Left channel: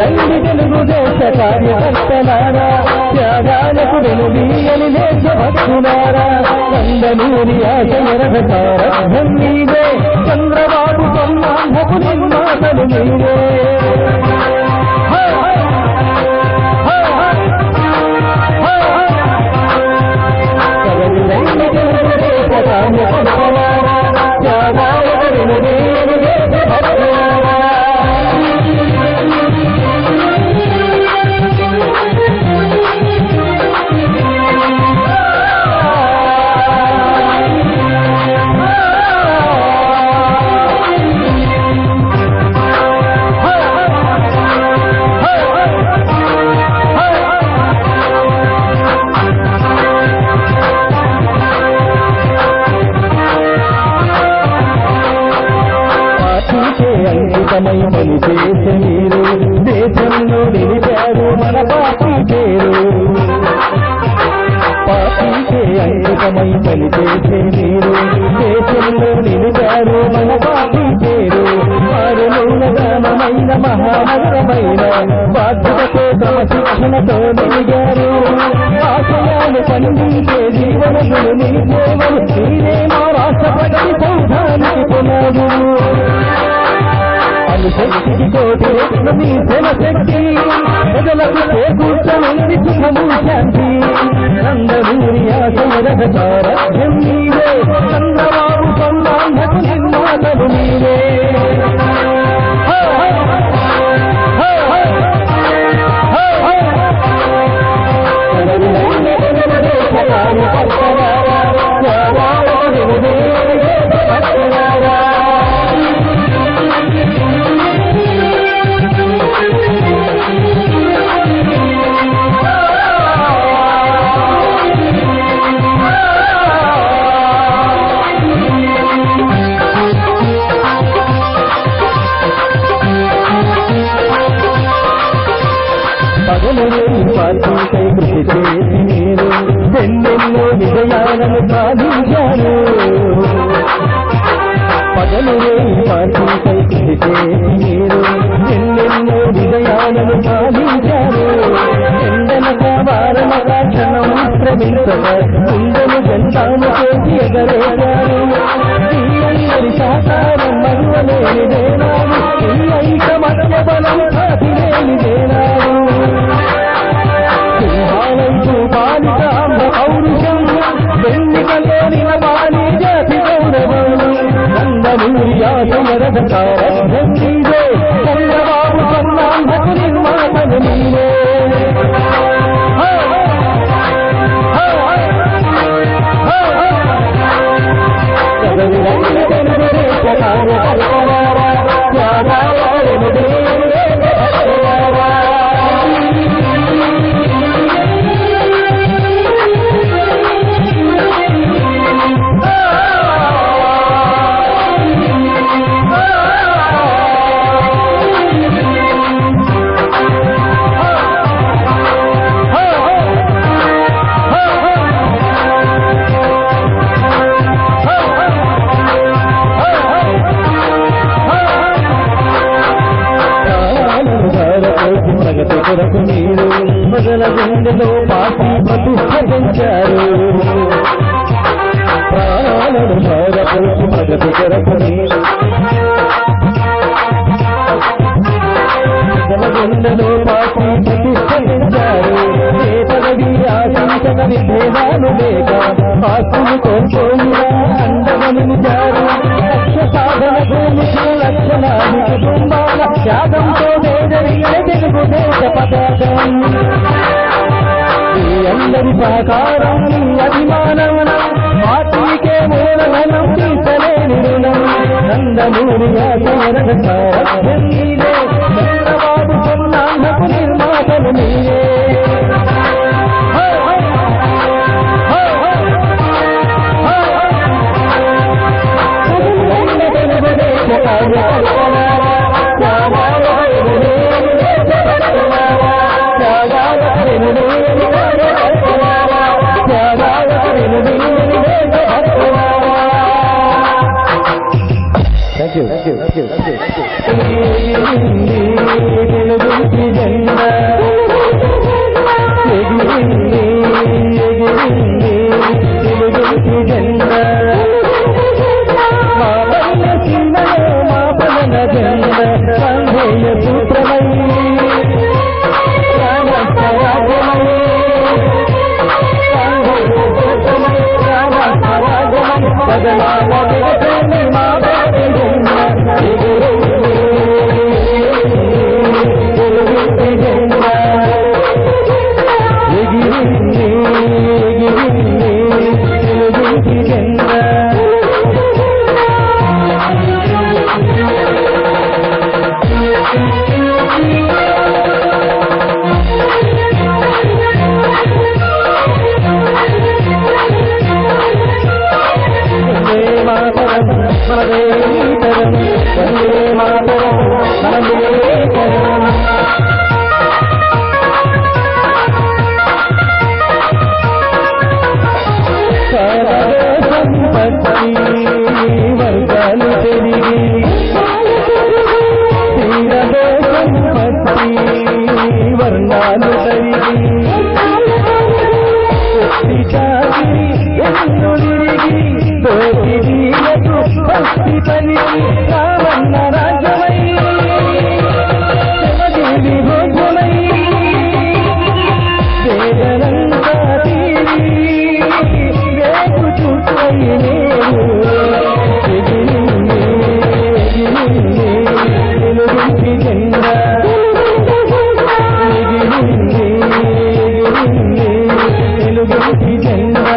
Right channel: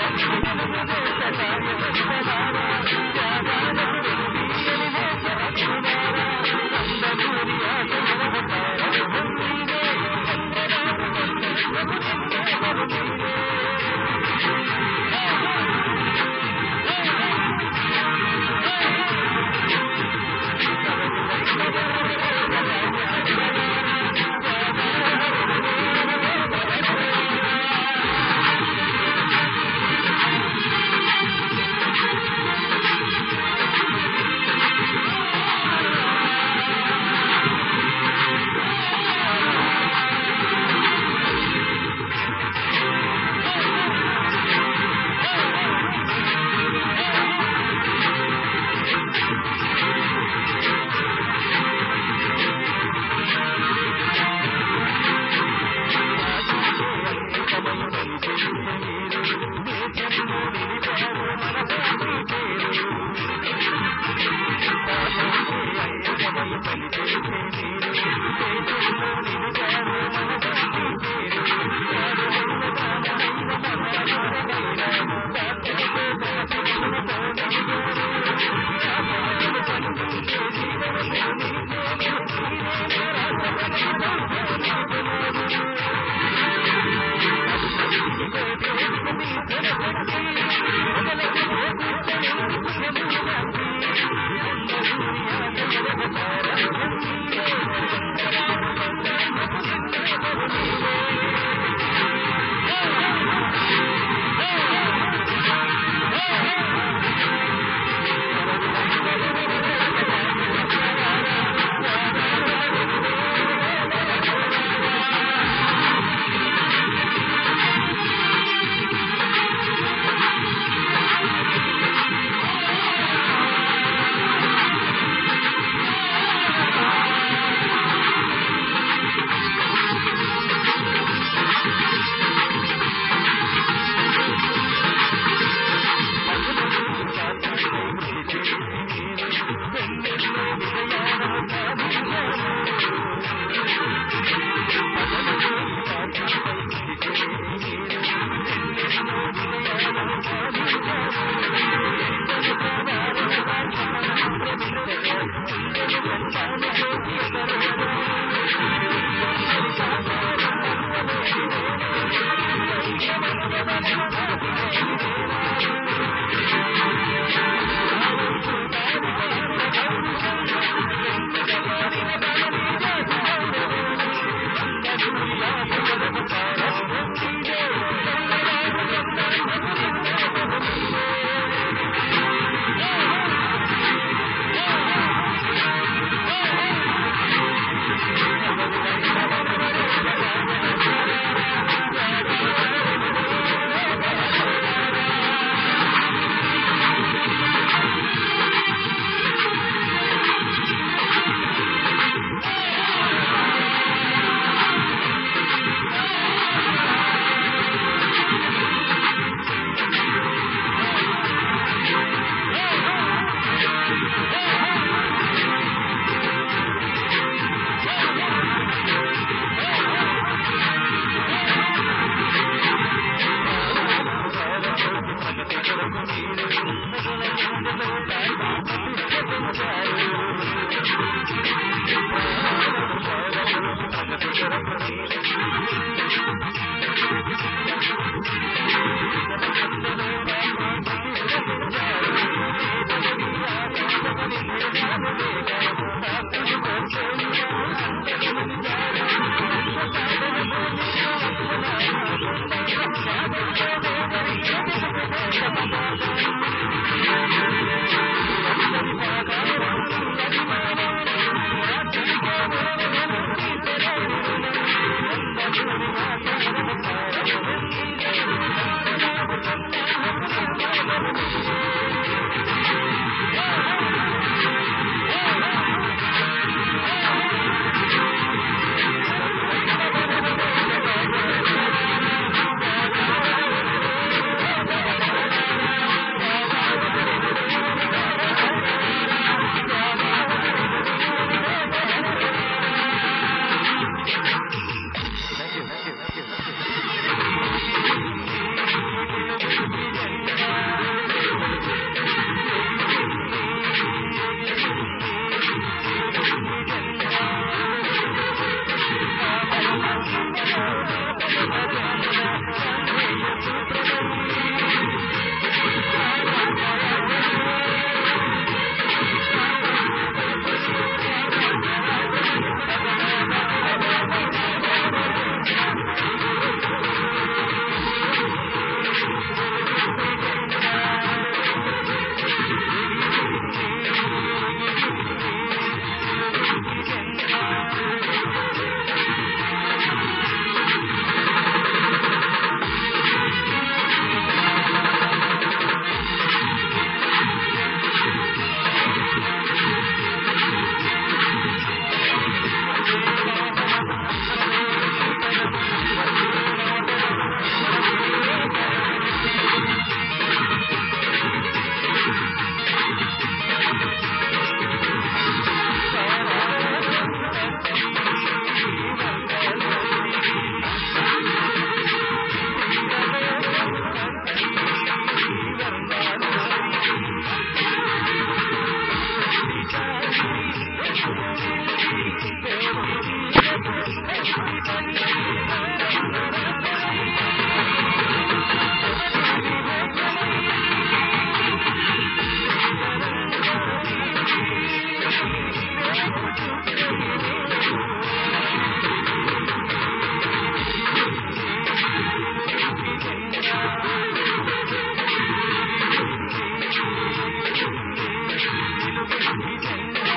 రండి తెలుగుదేశ కార్యకర్తలారా, త్యాగాలకు వెనుదీయని దేశభక్తులారా, నందమూరి ఆశయ రథసారథ్యం మీదే, చంద్రబాబు బ్రహ్మాండపు నిర్మాతలు మీరే. రండి తెలుగుదేశ కార్యకర్తలారా, త్యాగాలకు వెనుదీయని దేశభక్తులారా. అంకితమై పనిచేసే మీరు దేశంలో నిలిపారు మన పార్టీ పేరు. పార్టీకే అంకితమై పనిచేసే మీరు దేశంలో నిలిపారు మన పార్టీ పేరు. మారుమూలగానమైన మహానగరమైన బాధ్యతతో క్రమశిక్షణతో నిలిగారు. ఆశయాలు పండించే జీవనములు మీ సేవలు మీరే మా రాష్ట్రపతి సౌధానికి పునాదు. శక్తికి కోటి రెట్లు మీ జనశక్తి, ప్రజలకు చేకూర్చనుంది సుఖము శాంతి. నందమూరి ఆశయ రథసారథ్యం మీరే, చంద్రబాబు బ్రహ్మాండపు నిర్మాతలు మీరే. పార్టీపై కృషి చేసి మీరు ఎన్నెన్నో విజయాలను సాధించారు. పగలు పార్టీపై కృషి చేసి మీరు ఎన్నెన్నో విజయాలను సాధించారు. ఎండనక వారనక క్షణం శ్రమించక గుండెలు జంటాలు చేసి ఎగరేశారు. ఈ అందరి సహకారం మరువలేనిదేనాడు, ఈ ఐకమత్య బలం సాధిలేనిదేనాడు. నందమూరి ఆశయ రథసారథ్యం మీరే, చంద్రబాబు బ్రహ్మాండపు నిర్మాతలు మీరే. రండి తెలుగుదేశ కార్యకర్తలారా, త్యాగాలకు వెనుదీయని దేశభక్తులారా. ప్రగతి కొరకు మీరు ప్రజల గుండెలో పార్టీ ప్రతిష్ట పెంచారు. ప్రాణాలను భారపోసి ప్రగతి కొరకు మీరు ప్రజల గుండెలో పార్టీ ప్రతిష్ట పెంచారు. ఏ పదవి ఆశించక విభేదాలు లేక ఆస్తులు కోల్పోయినా అండగా నిలిచారు. లక్ష్య సాధన భూమికి లక్షలాది కుటుంబాల త్యాగంతో జరిగే తెలుగుదేశ పతాకం. ఈ అందరి సహకారం అభిమానం పార్టీకే మూలధనం తీర్చలేని రుణం. నందమూరి ఆశయ రథసారథ్యం మీరే, చంద్రబాబు బ్రహ్మాండపు నిర్మాతలు మీరే. తెలుగుదేశ కార్యకర్తలారా, Thank you. తెలుగింటి జెండా ఎగిరింది తెలుగింటి జెండా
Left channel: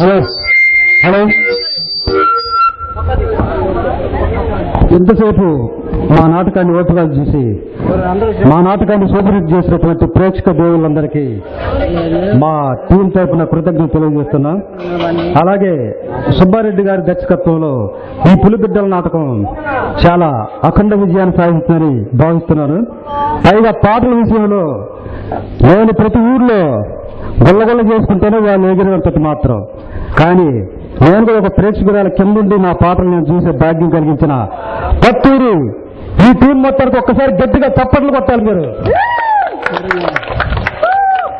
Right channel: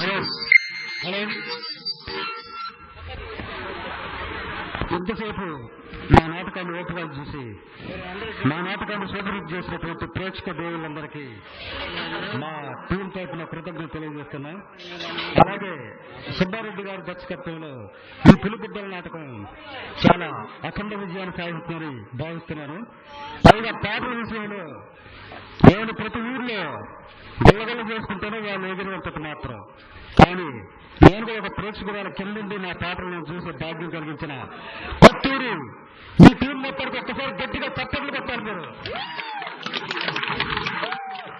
హలో హలో ఎంతసేపు మా నాటకాన్ని ఓపికగా చూసి మా నాటకాన్ని సూపర్ చేసినటువంటి ప్రేక్షక దేవుళ్ళందరికీ మా టీం తరఫున కృతజ్ఞతలు తెలియజేస్తున్నాం. అలాగే సుబ్బారెడ్డి గారి దర్శకత్వంలో ఈ పులిబిడ్డల నాటకం చాలా అఖండ విజయాన్ని సాధిస్తుందని భావిస్తున్నాను. పైగా పాటల విషయంలో నేను ప్రతి ఊర్లో గొల్లగొల్ల చేసుకుంటేనే వాళ్ళు ఎగిరినంతటి మాత్రం, కానీ నేను కూడా ఒక ప్రేక్షకురాల కిందుండి నా పాటలు నేను చూసే భాగ్యం కలిగించిన కొత్తూరు ఈ టీం మొత్తానికి ఒక్కసారి గట్టిగా చప్పట్లు కొట్టాలి మీరు.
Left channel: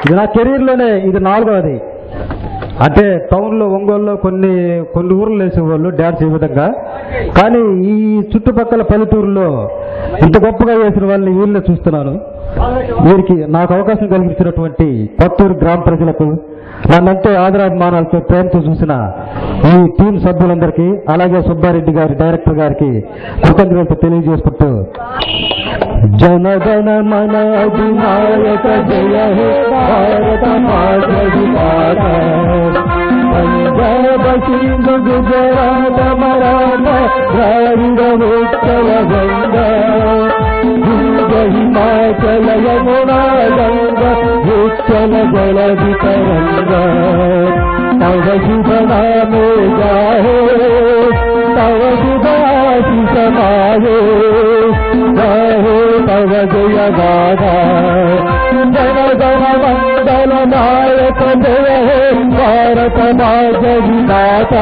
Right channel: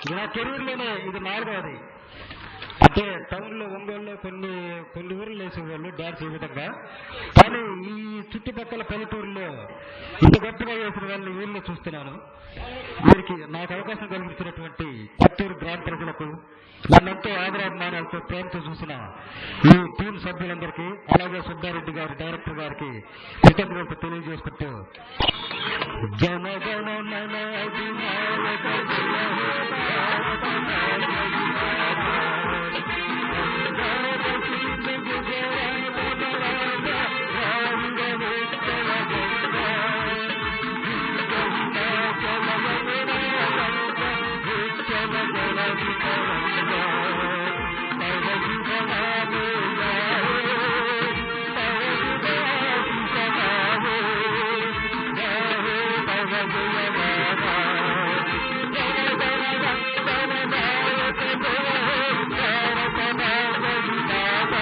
ఇది నా కెరీర్లోనే ఇది 4వది. అంటే టౌన్లో ఒంగోలులో కొన్ని ఊర్లు వేసేవాళ్ళు డ్యాన్స్ ఈ విధంగా, కానీ ఈ చుట్టుపక్కల పల్లెటూరులో ఇంత గొప్పగా వేసిన వాళ్ళని వీళ్ళే చూస్తున్నాను. వీరికి నాకు అవకాశం కలిగించినటువంటి కొత్తూరు గ్రామ ప్రజలకు, నన్నెంతో ఆదరాభిమానాలతో ప్రేమతో చూసిన ఈ టీం సభ్యులందరికీ, అలాగే సుబ్బారెడ్డి గారి డైరెక్టర్ గారికి కృతజ్ఞతలు తెలియజేసుకుంటూ జనగణ మన అధినాయక జయ హే భారత మాత విధాత పంజాబ సింధు గుజరాత మరాఠా ద్రావిడ ఉత్కల గంగా హిమాచల యమునా గంగా ఉత్కల జలధి తరంగా తవ శుభ నామే గాహే తవ శుభాశిష మాహే గాహే తవ జయ గాథా జన గణ మండల నాయక జయ హే భారత మాత విధాత